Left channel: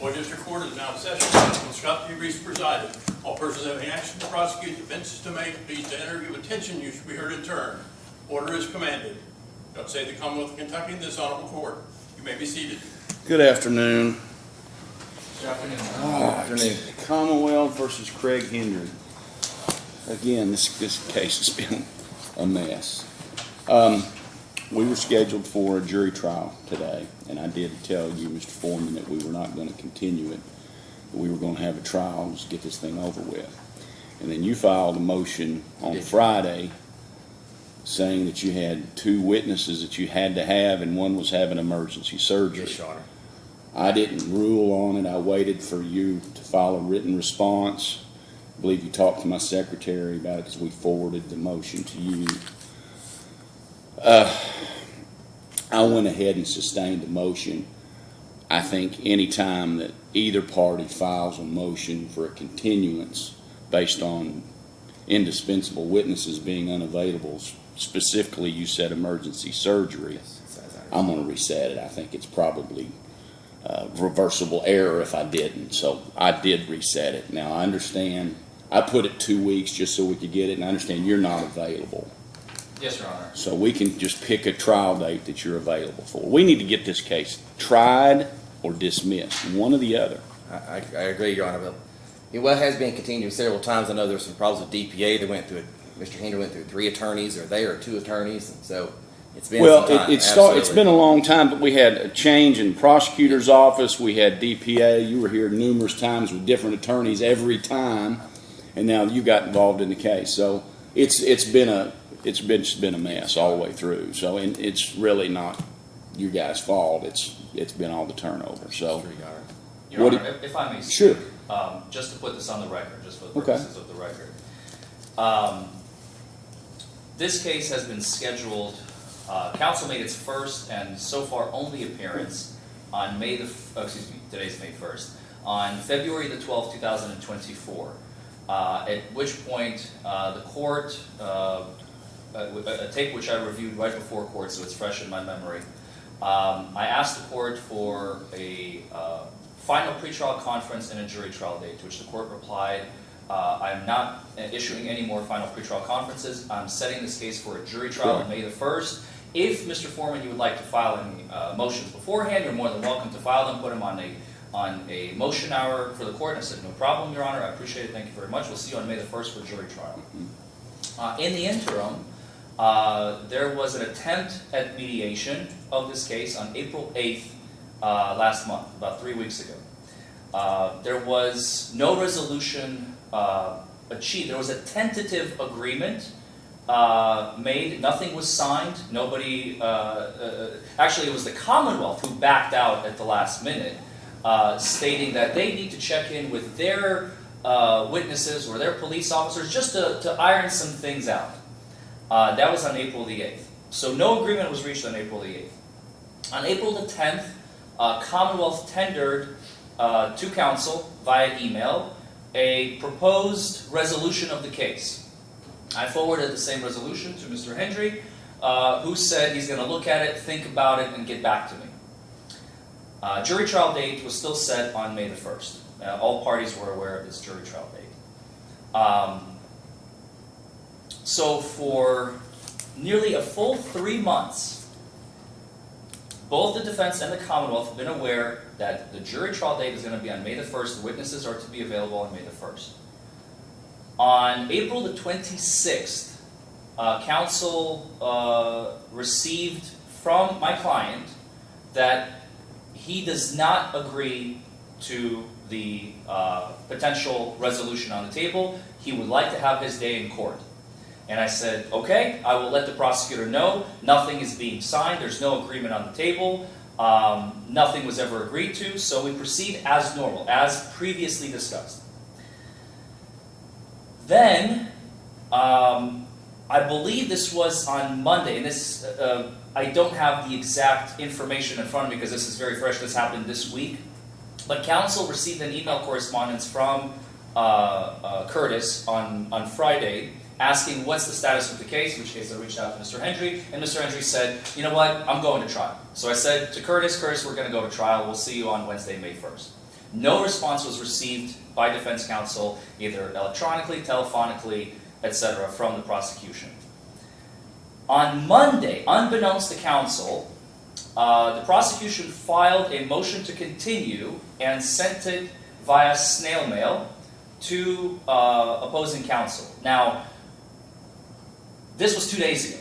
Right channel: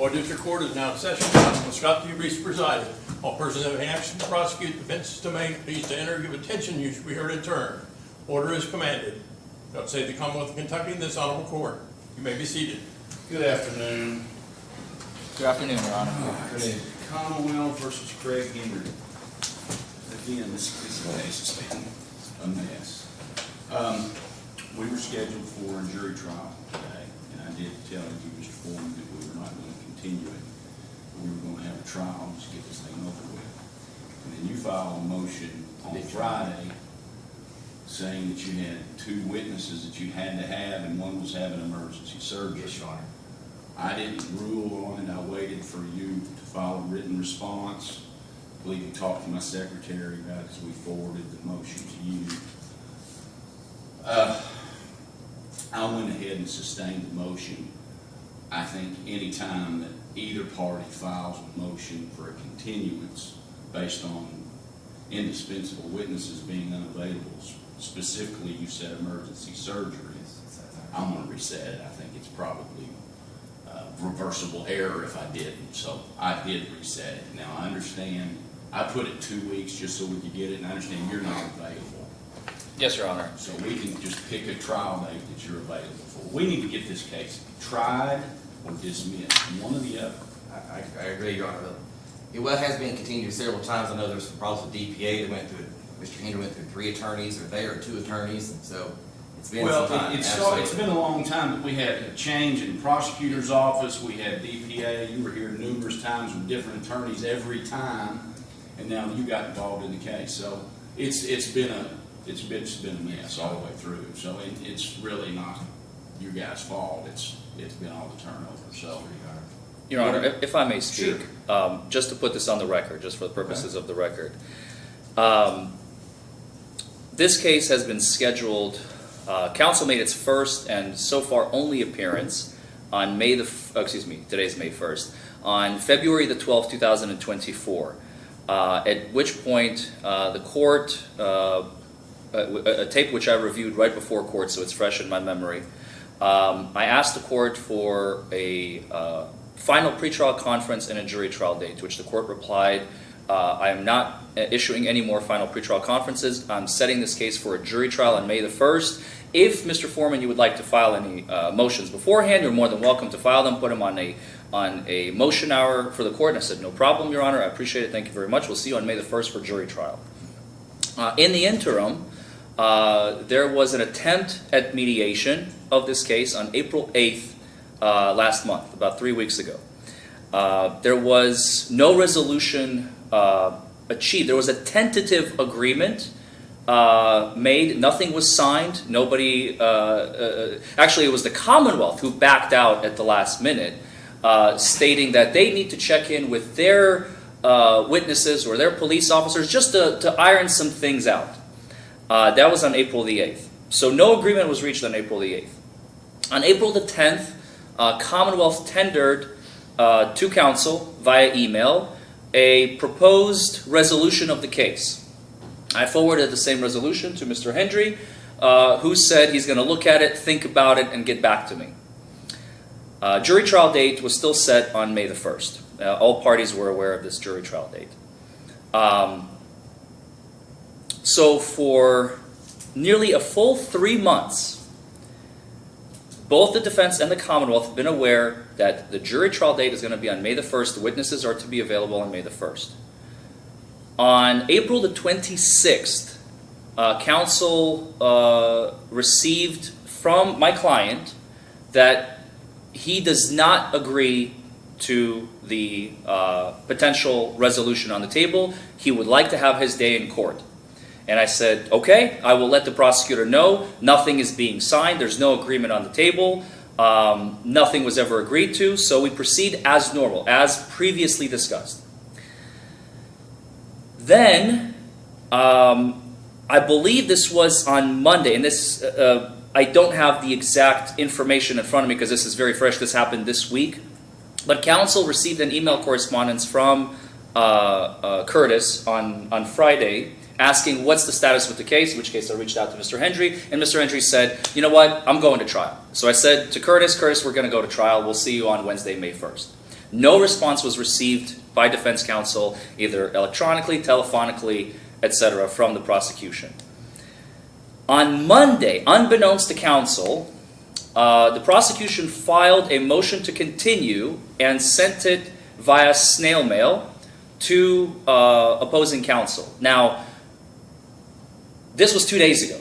Boyd District Court is now in session. Counsel Scott D. Reese presiding. All persons having action to prosecute, defenses to make, please to enter, give attention, you should be heard in turn. Order is commanded. God save the Commonwealth of Kentucky and this honorable court. You may be seated. Good afternoon. Good afternoon, Your Honor. Commonwealth versus Craig Hendry. Again, this case has been a mess. We were scheduled for a jury trial today, and I did tell you, Mr. Forman, that we were not going to continue it. We were going to have a trial and just get this thing over with. And then you filed a motion on Friday saying that you had 2 witnesses that you had to have, and one was having emergency surgery. Yes, Your Honor. I didn't rule on it. I waited for you to file a written response. I believe you talked to my secretary about it as we forwarded the motion to you. I went ahead and sustained the motion. I think any time that either party files a motion for a continuance based on indispensable witnesses being unavailable, specifically you said emergency surgery, I'm going to reset it. I think it's probably reversible error if I didn't. So I did reset it. Now I understand I put it 2 weeks just so we could get it, and I understand you're not available. Yes, Your Honor. So we can just pick a trial date that you're available for. We need to get this case tried or dismissed, one or the other. I agree, Your Honor. It has been continued several times. I know there's some problems with DPA. They went through it. Mr. Hendry went through 3 attorneys, or they are 2 attorneys, and so it's been some time. It's been a long time, but we had a change in prosecutor's office. We had DPA. You were here numerous times with different attorneys every time, and now you got involved in the case. So it's been a mess all the way through. So it's really not you guys' fault. It's been all the turnover. So, Your Honor, if I may speak, just to put this on the record, just for the purposes of the record, this case has been scheduled. Counsel made its first and so far only appearance on today's May 1st, on February the 12th, 2024. At which point the court, a tape which I reviewed right before court, so it's fresh in my memory. I asked the court for a final pretrial conference and a jury trial date, to which the court replied, I am not issuing any more final pretrial conferences. I'm setting this case for a jury trial on May the 1st. If, Mr. Forman, you would like to file any motions beforehand, you're more than welcome to file them, put them on a motion hour for the court. And I said, no problem, Your Honor, I appreciate it, thank you very much. We'll see you on May the 1st for jury trial. In the interim, there was an attempt at mediation of this case on April 8th last month, about 3 weeks ago. There was no resolution achieved. There was a tentative agreement made. Nothing was signed. Nobody, actually it was the Commonwealth who backed out at the last minute, stating that they need to check in with their witnesses or their police officers just to iron some things out. That was on April the 8th. So no agreement was reached on April the 8th. On April the 10th, Commonwealth tendered to counsel via email a proposed resolution of the case. I forwarded the same resolution to Mr. Hendry, who said he's going to look at it, think about it, and get back to me. Jury trial date was still set on May the 1st. All parties were aware of this jury trial date. So for nearly a full 3 months, both the defense and the Commonwealth have been aware that the jury trial date is going to be on May the 1st. The witnesses are to be available on May the 1st. On April the 26th, counsel received from my client that he does not agree to the potential resolution on the table. He would like to have his day in court. And I said, okay, I will let the prosecutor know. Nothing is being signed. There's no agreement on the table. Nothing was ever agreed to. So we proceed as normal, as previously discussed. Then, I believe this was on Monday, and this I don't have the exact information in front of me because this is very fresh. This happened this week. But counsel received an email correspondence from Curtis on Friday asking what's the status with the case, in which case I reached out to Mr. Hendry, and Mr. Hendry said, you know what, I'm going to trial. So I said to Curtis, we're going to go to trial. We'll see you on Wednesday, May 1st. No response was received by defense counsel, either electronically, telephonically, etc., from the prosecution. On Monday, unbeknownst to counsel, the prosecution filed a motion to continue and sent it via snail mail to opposing counsel. Now, this was 2 days ago.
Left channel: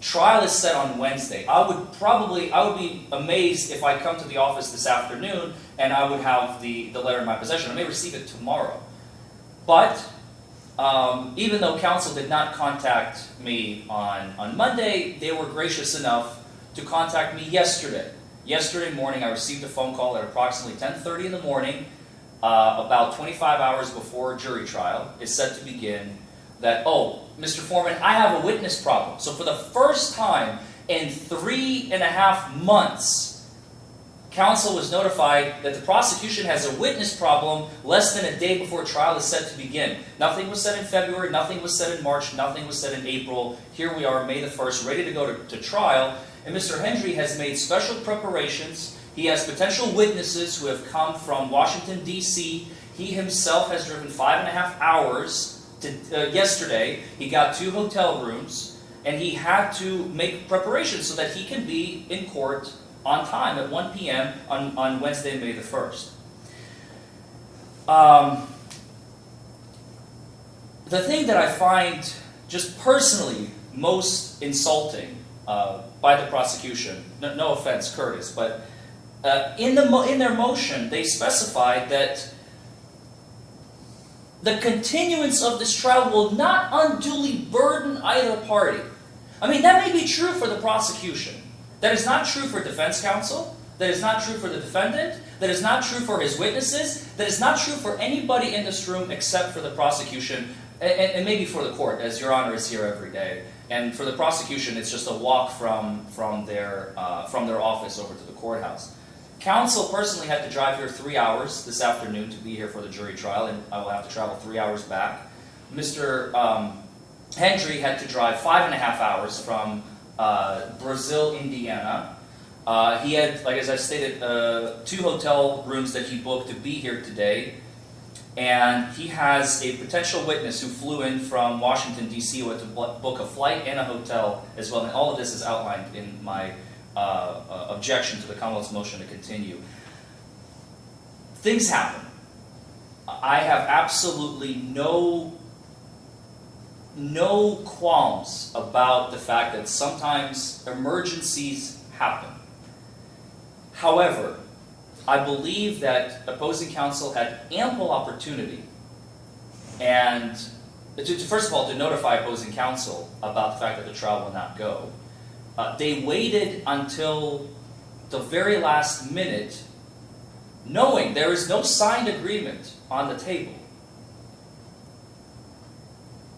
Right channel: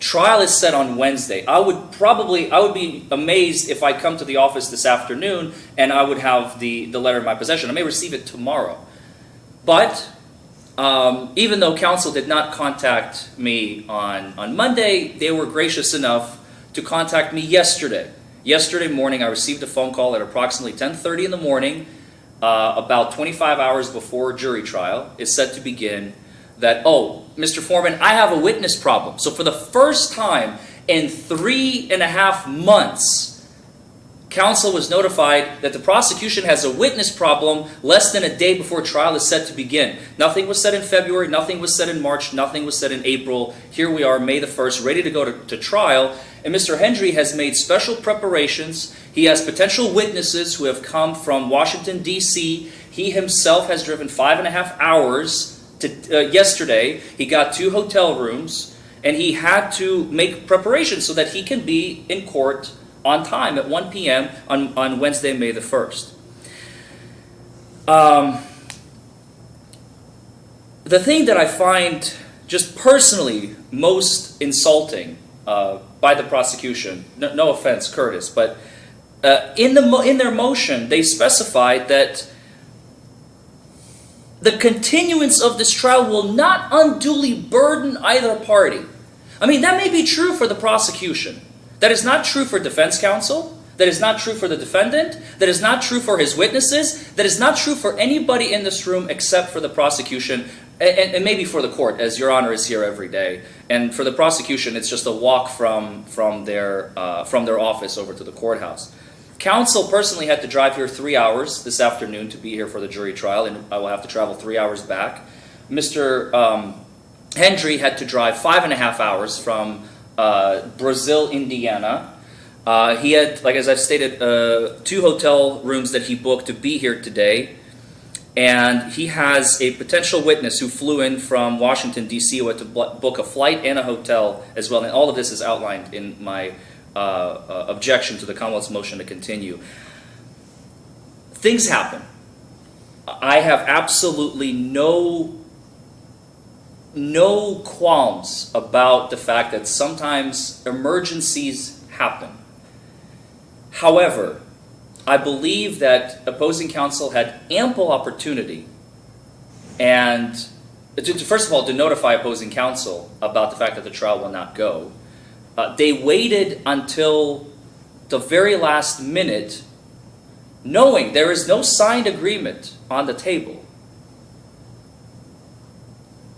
Trial is set on Wednesday. I would be amazed if I come to the office this afternoon and I would have the letter in my possession. I may receive it tomorrow. But even though counsel did not contact me on Monday, they were gracious enough to contact me yesterday. Yesterday morning, I received a phone call at approximately 10:30 in the morning, about 25 hours before jury trial is set to begin, that, oh, Mr. Forman, I have a witness problem. So for the first time in 3.5 months, counsel was notified that the prosecution has a witness problem less than a day before trial is set to begin. Nothing was said in February, nothing was said in March, nothing was said in April. Here we are, May the 1st, ready to go to trial. And Mr. Hendry has made special preparations. He has potential witnesses who have come from Washington, D.C. He himself has driven 5.5 hours yesterday. He got 2 hotel rooms, and he had to make preparations so that he can be in court on time at 1 p.m. on Wednesday, May the 1st. The thing that I find just personally most insulting by the prosecution, no offense, Curtis, but in their motion, they specified that the continuance of this trial will not unduly burden either party. I mean, that may be true for the prosecution. That is not true for defense counsel. That is not true for the defendant. That is not true for his witnesses. That is not true for anybody in this room except for the prosecution and maybe for the court, as Your Honor is here every day. And for the prosecution, it's just a walk from their office over to the courthouse. Counsel personally had to drive here 3 hours this afternoon to be here for the jury trial, and I will have to travel 3 hours back. Mr. Hendry had to drive 5.5 hours from Brazil, Indiana. He had, like as I've stated, 2 hotel rooms that he booked to be here today. And he has a potential witness who flew in from Washington, D.C. who had to book a flight and a hotel as well. And all of this is outlined in my objection to the Commonwealth's motion to continue. Things happen. I have absolutely no qualms about the fact that sometimes emergencies happen. However, I believe that opposing counsel had ample opportunity and, first of all, to notify opposing counsel about the fact that the trial will not go. They waited until the very last minute, knowing there is no signed agreement on the table.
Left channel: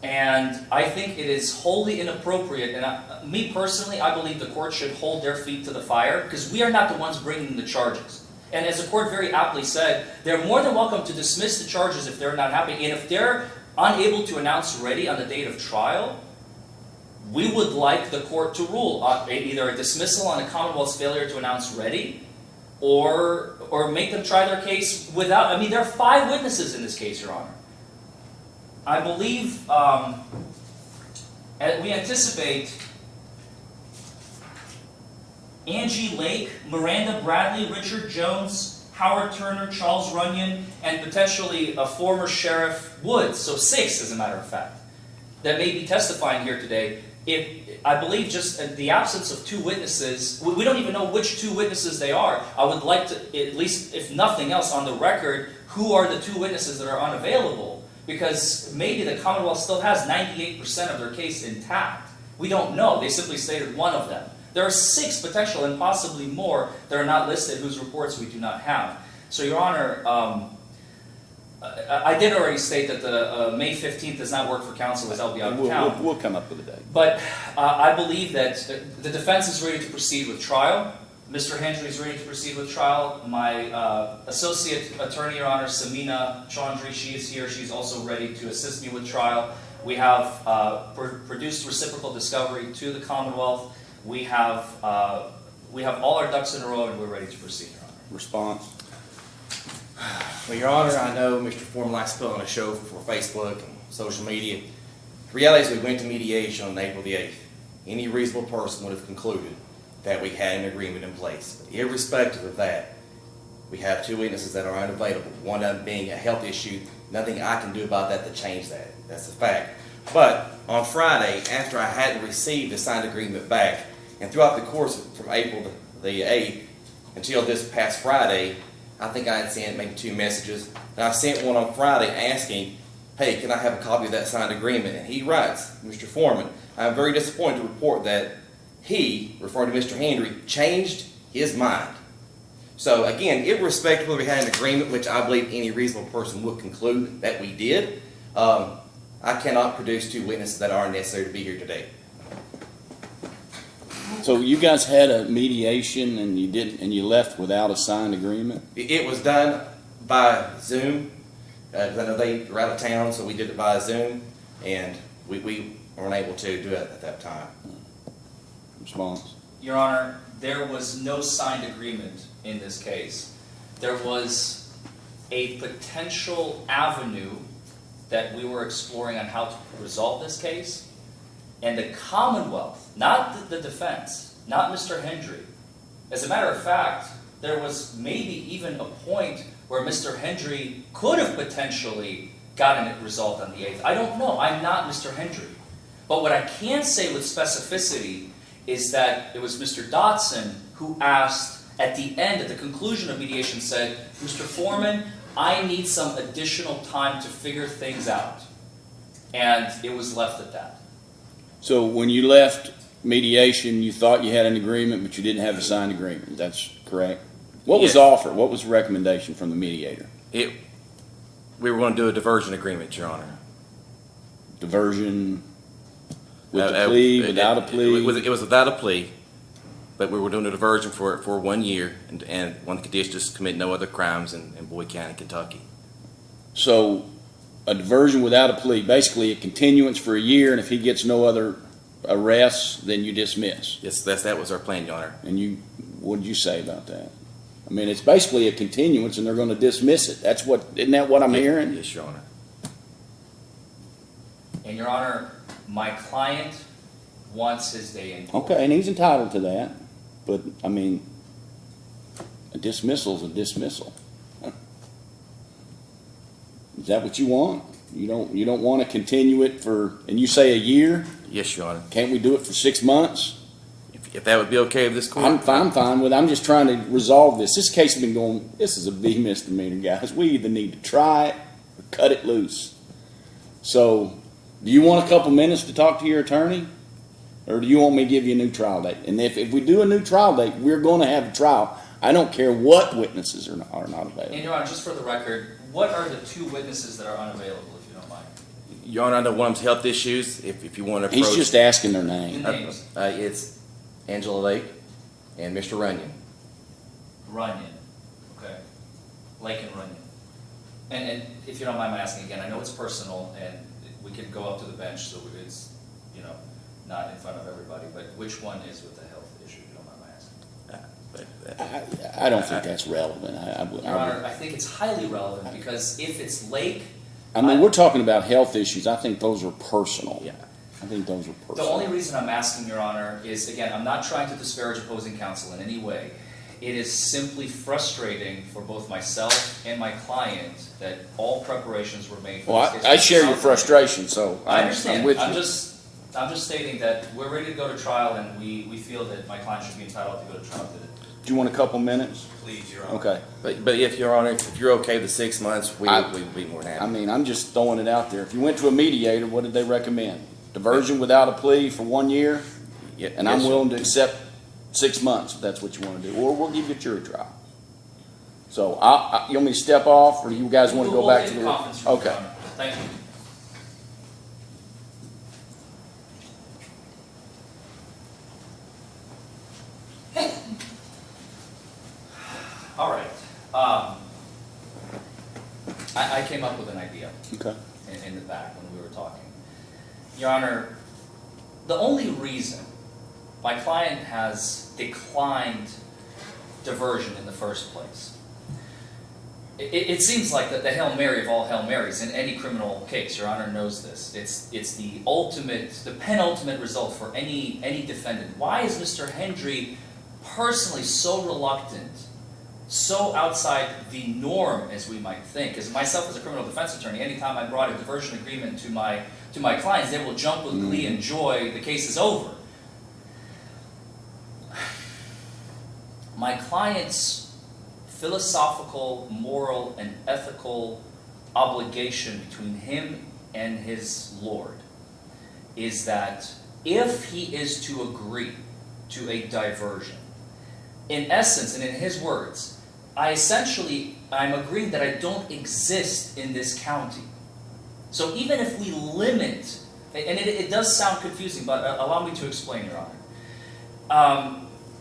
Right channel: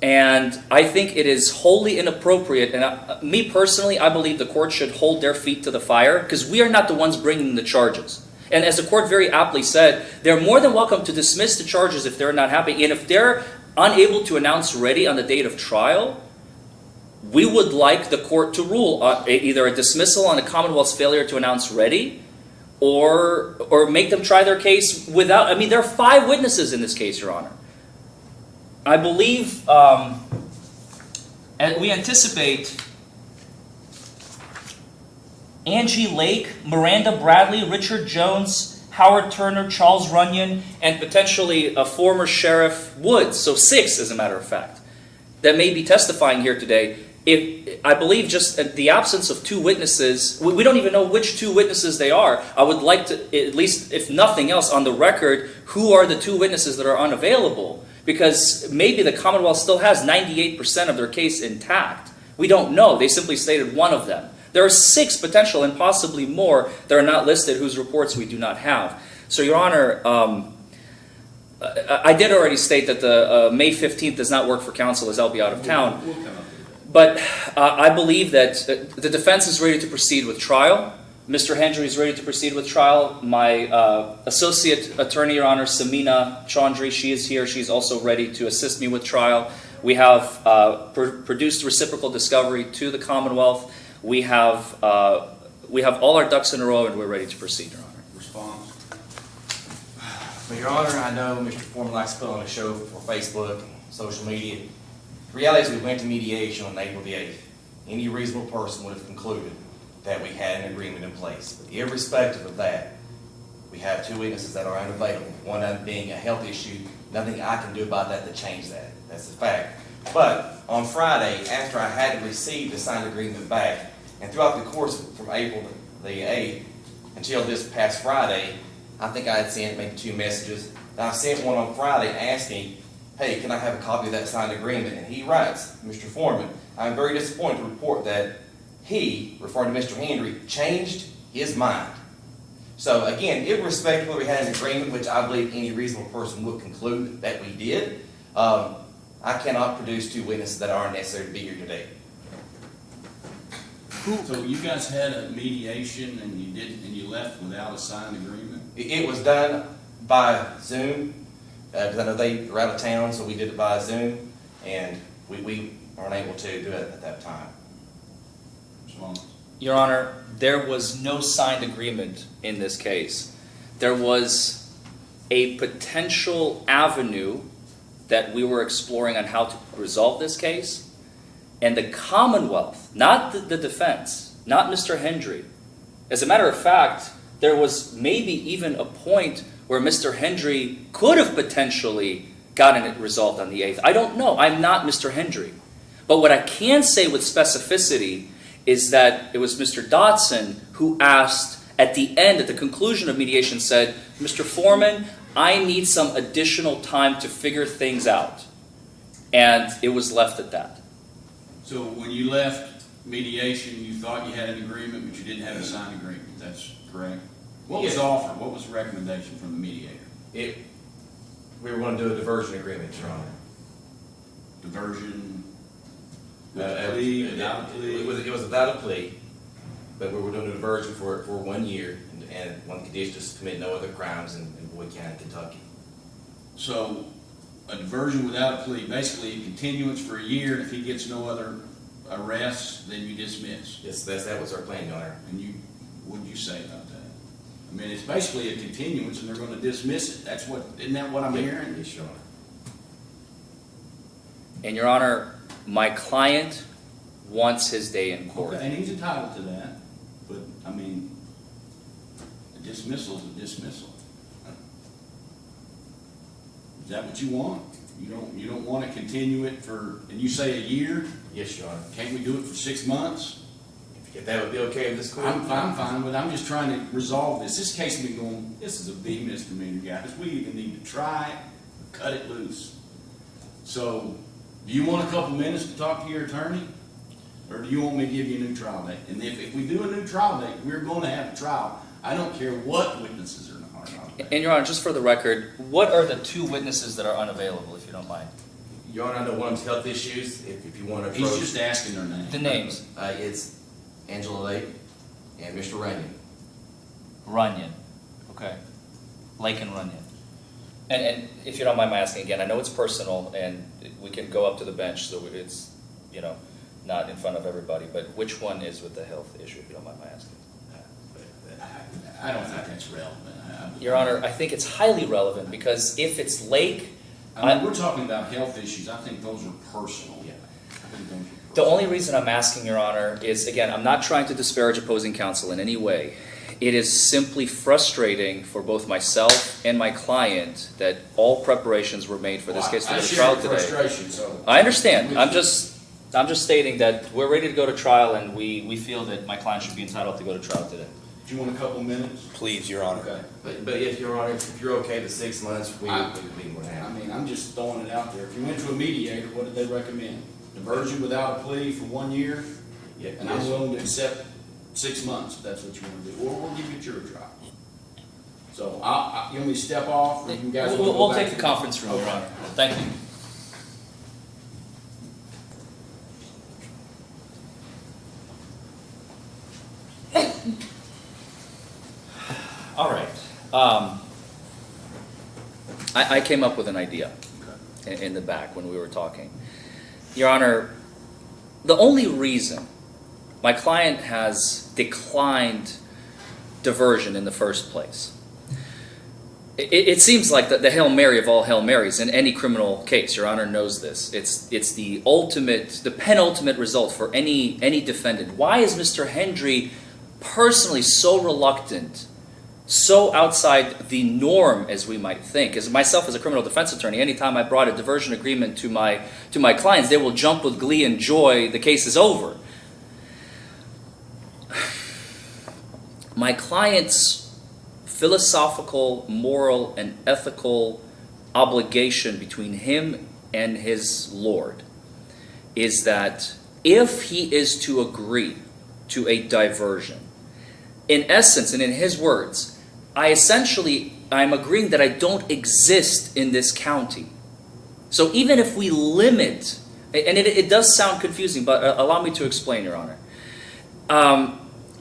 And I think it is wholly inappropriate, and me personally, I believe the court should hold their feet to the fire, because we are not the ones bringing the charges. And as the court very aptly said, they're more than welcome to dismiss the charges if they're not happy. And if they're unable to announce ready on the date of trial, we would like the court to rule either a dismissal on the Commonwealth's failure to announce ready, or make them try their case without. I mean, there are 5 witnesses in this case, Your Honor. I believe, and we anticipate Angie Lake, Miranda Bradley, Richard Jones, Howard Turner, Charles Runyon, and potentially a former Sheriff Woods, so 6 as a matter of fact, that may be testifying here today. I believe just the absence of 2 witnesses, we don't even know which 2 witnesses they are. I would like to, at least if nothing else, on the record, who are the 2 witnesses that are unavailable? Because maybe the Commonwealth still has 98% of their case intact. We don't know. They simply stated one of them. There are 6 potential and possibly more that are not listed whose reports we do not have. So, Your Honor, I did already state that the May 15th does not work for counsel as I'll be out of town. We'll come up with a date. But I believe that the defense is ready to proceed with trial. Mr. Hendry is ready to proceed with trial. My associate attorney, Your Honor, Samina Chaudhry, she is here. She's also ready to assist me with trial. We have produced reciprocal discovery to the Commonwealth. We have all our ducks in a row, and we're ready to proceed, Your Honor. Response. Well, Your Honor, I know Mr. Forman likes to put on a show for Facebook and social media. The reality is we went to mediation on April the 8th. Any reasonable person would have concluded that we had an agreement in place. But irrespective of that, we have two witnesses that are unavailable. One of them being a health issue, nothing I can do about that to change that. That's a fact. But on Friday, after I hadn't received the signed agreement back, and throughout the course from April the 8th until this past Friday, I think I had sent maybe 2 messages. And I sent one on Friday asking, hey, can I have a copy of that signed agreement? And he writes, Mr. Forman, I'm very disappointed to report that he, referring to Mr. Hendry, changed his mind. So again, irrespective of whether we had an agreement, which I believe any reasonable person would conclude that we did, I cannot produce 2 witnesses that are necessary to be here today. So you guys had a mediation and you didn't, and you left without a signed agreement? It was done by Zoom, because I know they were out of town, so we did it by Zoom, and we weren't able to do it at that time. Response. Your Honor, there was no signed agreement in this case. There was a potential avenue that we were exploring on how to resolve this case, and the Commonwealth, not the defense, not Mr. Hendry. As a matter of fact, there was maybe even a point where Mr. Hendry could have potentially gotten it resolved on the 8th. I don't know. I'm not Mr. Hendry. But what I can say with specificity is that it was Mr. Dotson who asked at the end, at the conclusion of mediation, said, Mr. Forman, I need some additional time to figure things out. And it was left at that. So when you left mediation, you thought you had an agreement, but you didn't have a signed agreement. That's correct? What was offered? What was the recommendation from the mediator? We were going to do a diversion agreement, Your Honor. Diversion with a plea, without a plea? It was without a plea, but we were doing a diversion for 1 year, and one condition is to commit no other crimes in Boyd County, Kentucky. So a diversion without a plea, basically a continuance for a year, and if he gets no other arrests, then you dismiss. Yes, that was our plan, Your Honor. And what did you say about that? I mean, it's basically a continuance, and they're going to dismiss it. Isn't that what I'm hearing? Yes, Your Honor. And Your Honor, my client wants his day in court. Okay, and he's entitled to that. But, I mean, a dismissal is a dismissal. Is that what you want? You don't want to continue it for, and you say a year? Yes, Your Honor. Can't we do it for 6 months? If that would be okay with this court? I'm fine with it. I'm just trying to resolve this. This case has been going, this is a big misdemeanor, guys. We either need to try it or cut it loose. So, do you want a couple minutes to talk to your attorney? Or do you want me to give you a new trial date? And if we do a new trial date, we're going to have a trial. I don't care what witnesses are not available. And Your Honor, just for the record, what are the 2 witnesses that are unavailable, if you don't mind? Your Honor, I know one of them's health issues. If you want to approach... He's just asking their The name. names. It's Angela Lake and Mr. Runyon. Runyon. Okay. Lake and Runyon. And if you don't mind my asking again, I know it's personal, and we can go up to the bench, so it's, not in front of everybody, but which one is with the health issue, if you don't mind my asking? I don't think that's relevant. Your Honor, I think it's highly relevant, because if it's Lake... I mean, we're talking about health issues. I think those are personal. Yeah. I think those are The personal. only reason I'm asking, Your Honor, is, again, I'm not trying to disparage opposing counsel in any way. It is simply frustrating for both myself and my client that all preparations were made for this case. I share your frustration, so... I understand. I'm I'm with just stating that we're ready to go to trial, and we feel that my client should be entitled to go to trial today. Do you want a couple minutes? Please, Your Honor. Okay. But if Your Honor, if you're okay with 6 months, we would be more than happy. I mean, I'm just throwing it out there. If you went to a mediator, what did they recommend? Diversion without a plea for 1 year? Yeah, And I'm willing to accept 6 months if that's what you want to do. Or we'll give you a jury trial. So, you want me to step off, or you guys want to go back to We'll take the conference room, Your Okay. Honor. Thank you. All right. I came up with an idea Okay. in the back when we were talking. Your Honor, the only reason my client has declined diversion in the first place it seems like the Hail Mary of all Hail Marys in any criminal case. Your Honor knows this. It's the penultimate result for any defendant. Why is Mr. Hendry personally so reluctant, so outside the norm as we might think? As myself as a criminal defense attorney, anytime I brought a diversion agreement to my clients, they will jump with glee and joy. The case is over. My client's philosophical, moral, and ethical obligation between him and his Lord is that if he is to agree to a diversion, in essence and in his words, I'm agreeing that I don't exist in this county. So even if we limit, and it does sound confusing, but allow me to explain, Your Honor.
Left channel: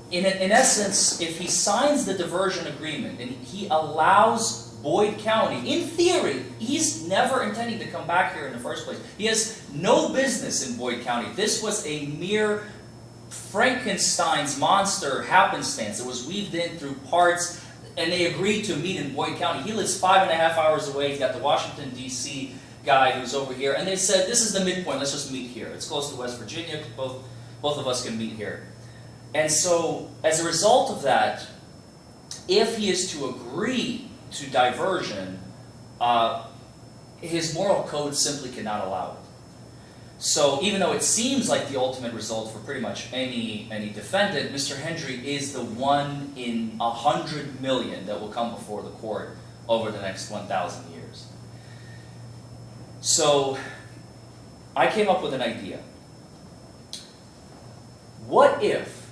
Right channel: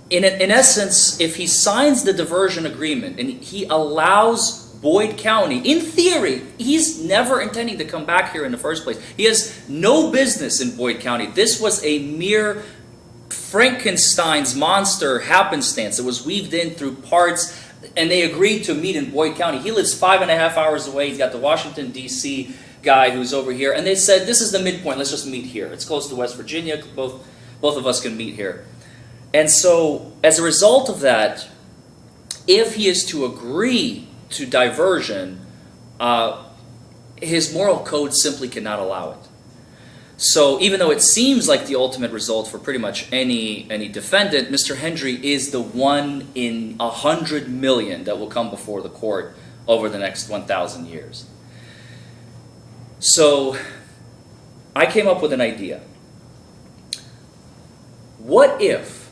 In essence, if he signs the diversion agreement and he allows Boyd County, in theory, he's never intending to come back here in the first place. He has no business in Boyd County. This was a mere Frankenstein's monster happenstance that was weaved in through parts, and they agreed to meet in Boyd County. He lives 5.5 hours away. He's got the Washington, D.C. guy who's over here, and they said, this is the midpoint, let's just meet here. It's close to West Virginia, both of us can meet here. And so, as a result of that, if he is to agree to diversion, his moral code simply cannot allow it. So, even though it seems like the ultimate result for pretty much any defendant, Mr. Hendry is the one in 100 million that will come before the court over the next 1,000 years. So, I came up with an idea. What if,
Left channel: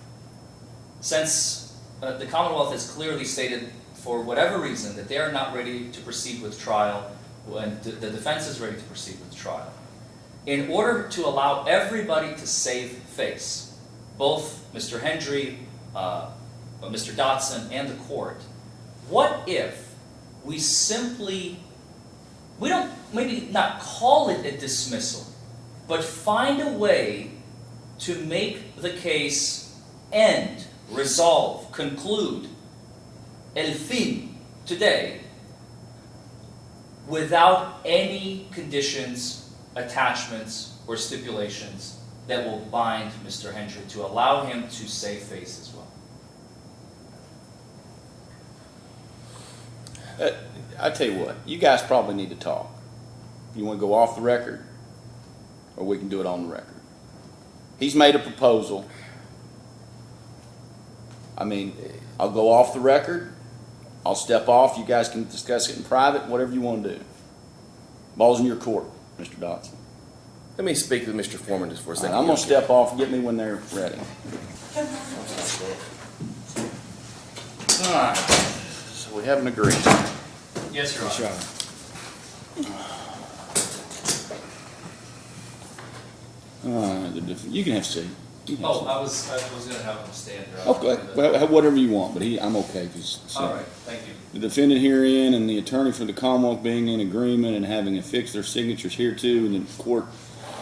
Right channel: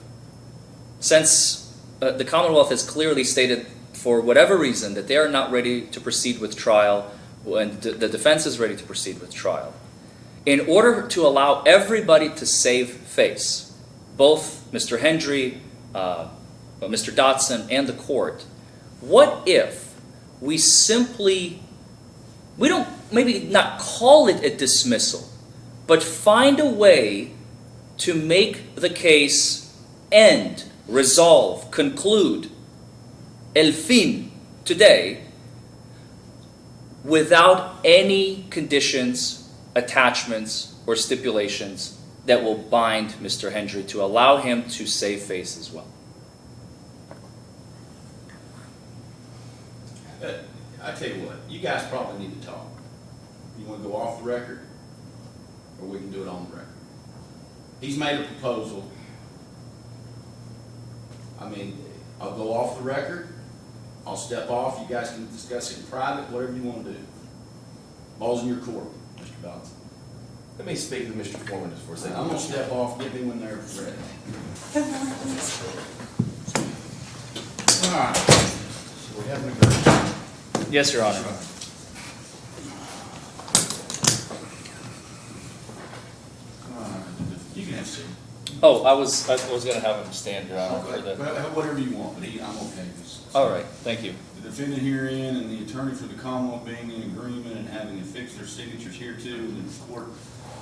since the Commonwealth has clearly stated, for whatever reason, that they are not ready to proceed with trial, and the defense is ready to proceed with trial, in order to allow everybody to save face, both Mr. Hendry, Mr. Dotson, and the court, what if we don't maybe not call it a dismissal, but find a way to make the case end, resolve, conclude, el fin, today, without any conditions, attachments, or stipulations that will bind Mr. Hendry to allow him to save face as well. I tell you what, you guys probably need to talk. You want to go off the record, or we can do it on the record. He's made a proposal. I mean, I'll go off the record. I'll step off. You guys can discuss it in private, whatever you want to do. Ball's in your court, Mr. Dotson. Let me speak with Mr. Forman just for a second. I'm going to step off. Get me when they're ready. All right. So we haven't agreed. Yes, Your Honor. Sure. You can have a seat. Oh, I was going to have him stand, Your Honor. Okay, well, whatever you want, but I'm okay. All right, thank you. The defendant herein and the attorney for the Commonwealth being in agreement and having affixed their signatures hereto, and the court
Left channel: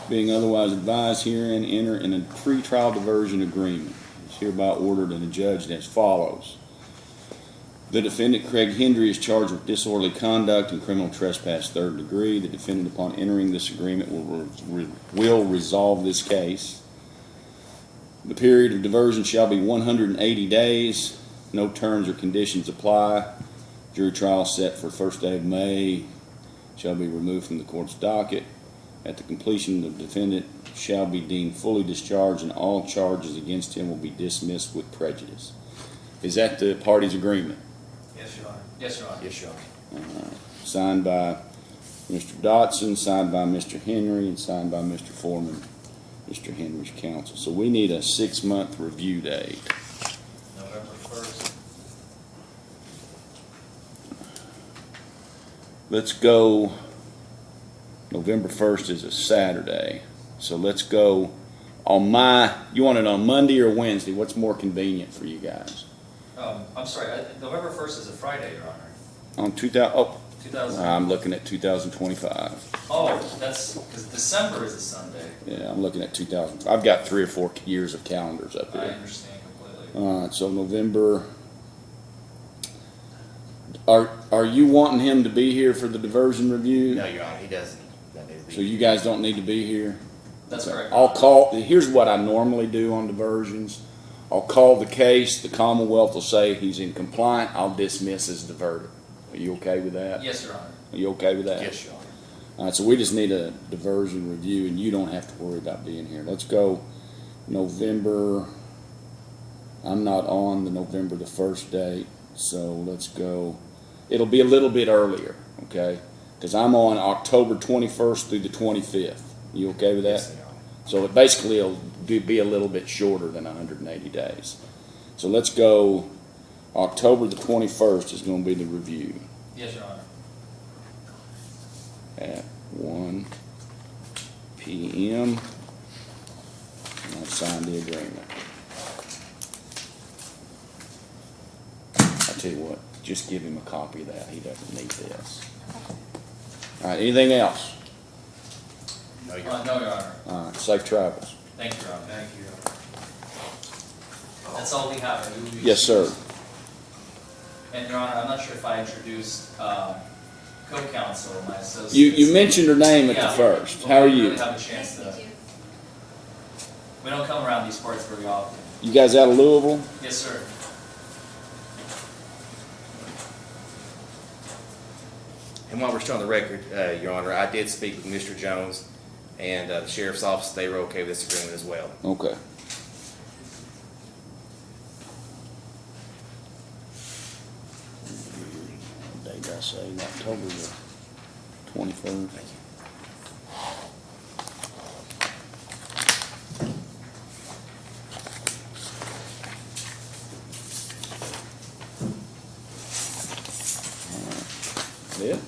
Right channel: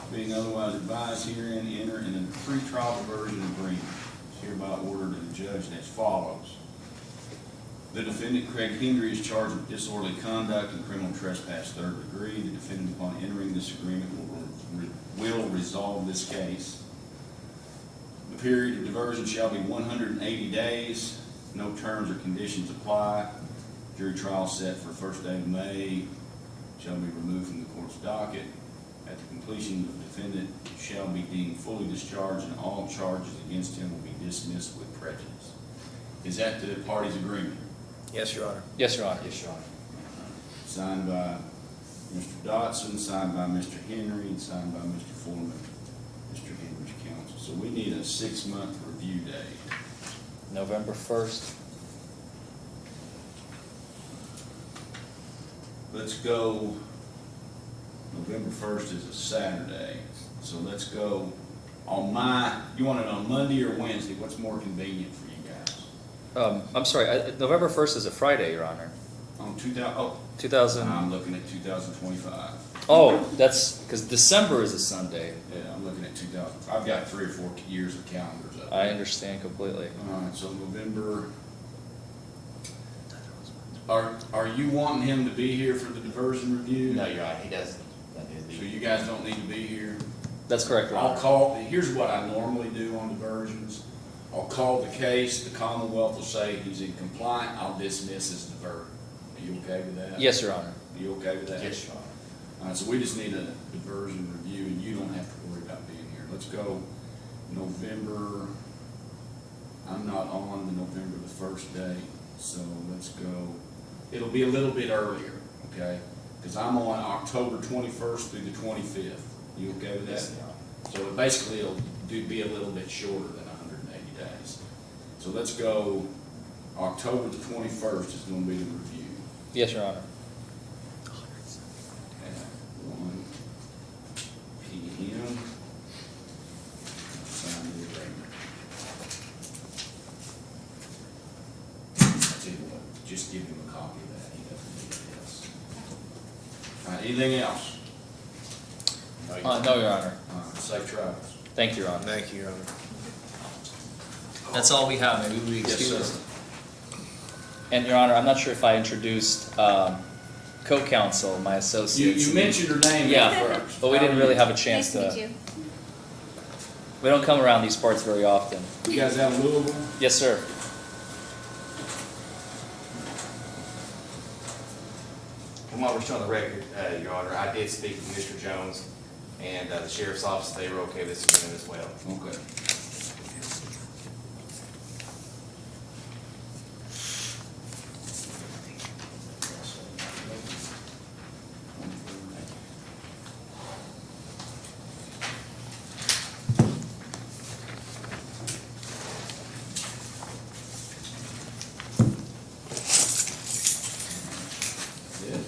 being otherwise advised herein, enter in a pretrial diversion agreement. It's hereby ordered and adjudged as follows. The defendant, Craig Hendry, is charged with disorderly conduct and criminal trespass 3rd degree. The defendant, upon entering this agreement, will resolve this case. The period of diversion shall be 180 days. No terms or conditions apply. Jury trial set for 1st day of May shall be removed from the court's docket. At the completion, the defendant shall be deemed fully discharged and all charges against him will be dismissed with prejudice. Is that the party's agreement? Yes, Your Honor. Yes, Your Honor. Yes, Your Honor. Signed by Mr. Dotson, signed by Mr. Henry, and signed by Mr. Forman, Mr. Henry's counsel. So we need a 6-month review date. November 1st. Let's go, November 1st is a Saturday. So let's go you want it on Monday or Wednesday? What's more convenient for you guys? I'm sorry, November 1st is a Friday, Your Honor. On 2000. I'm looking at 2025. Oh, that's because December is a Sunday. Yeah, I'm looking at 2000. I've got 3 or 4 years of calendars up there. I understand completely. All right, so November. Are you wanting him to be here for the diversion review? No, Your Honor, he doesn't. So you guys don't need to be here? That's correct. Your I'll Honor. call, here's what I normally do on diversions. I'll call the case, the Commonwealth will say he's in compliant, I'll dismiss as diverted. Are you okay with that? Yes, Your Honor. Are you okay with that? Yes, Your Honor. All right, so we just need a diversion review, and you don't have to worry about being here. Let's go November, I'm not on the November the 1st date, so let's go, it'll be a little bit earlier, okay? Because I'm on October 21st through the 25th. You okay with that? Yes, Your Honor. So it basically will be a little bit shorter than 180 days. So let's go, October the 21st is going to be the review Yes, Your Honor. at 1 p.m. I'll sign the agreement. I'll tell you what, just give him a copy of that. He doesn't need this. All right, anything else? No, Your No, Your Honor. All right, safe travels. Thank you, Your Honor. Thank you, Your Honor. That's all we have. Maybe we Yes, sir. And Your Honor, I'm not sure if I introduced co-counsel, my associate. You mentioned her name at Yeah. the first. But How we are didn't you? really have a chance Nice to to. meet you. We don't come around these parts very often. You guys out of Louisville? Yes, sir. And while we're still on the record, Your Honor, I did speak with Mr. Jones and the sheriff's office. They were okay with this agreement as well. Okay. Date I say October the 23rd. Good.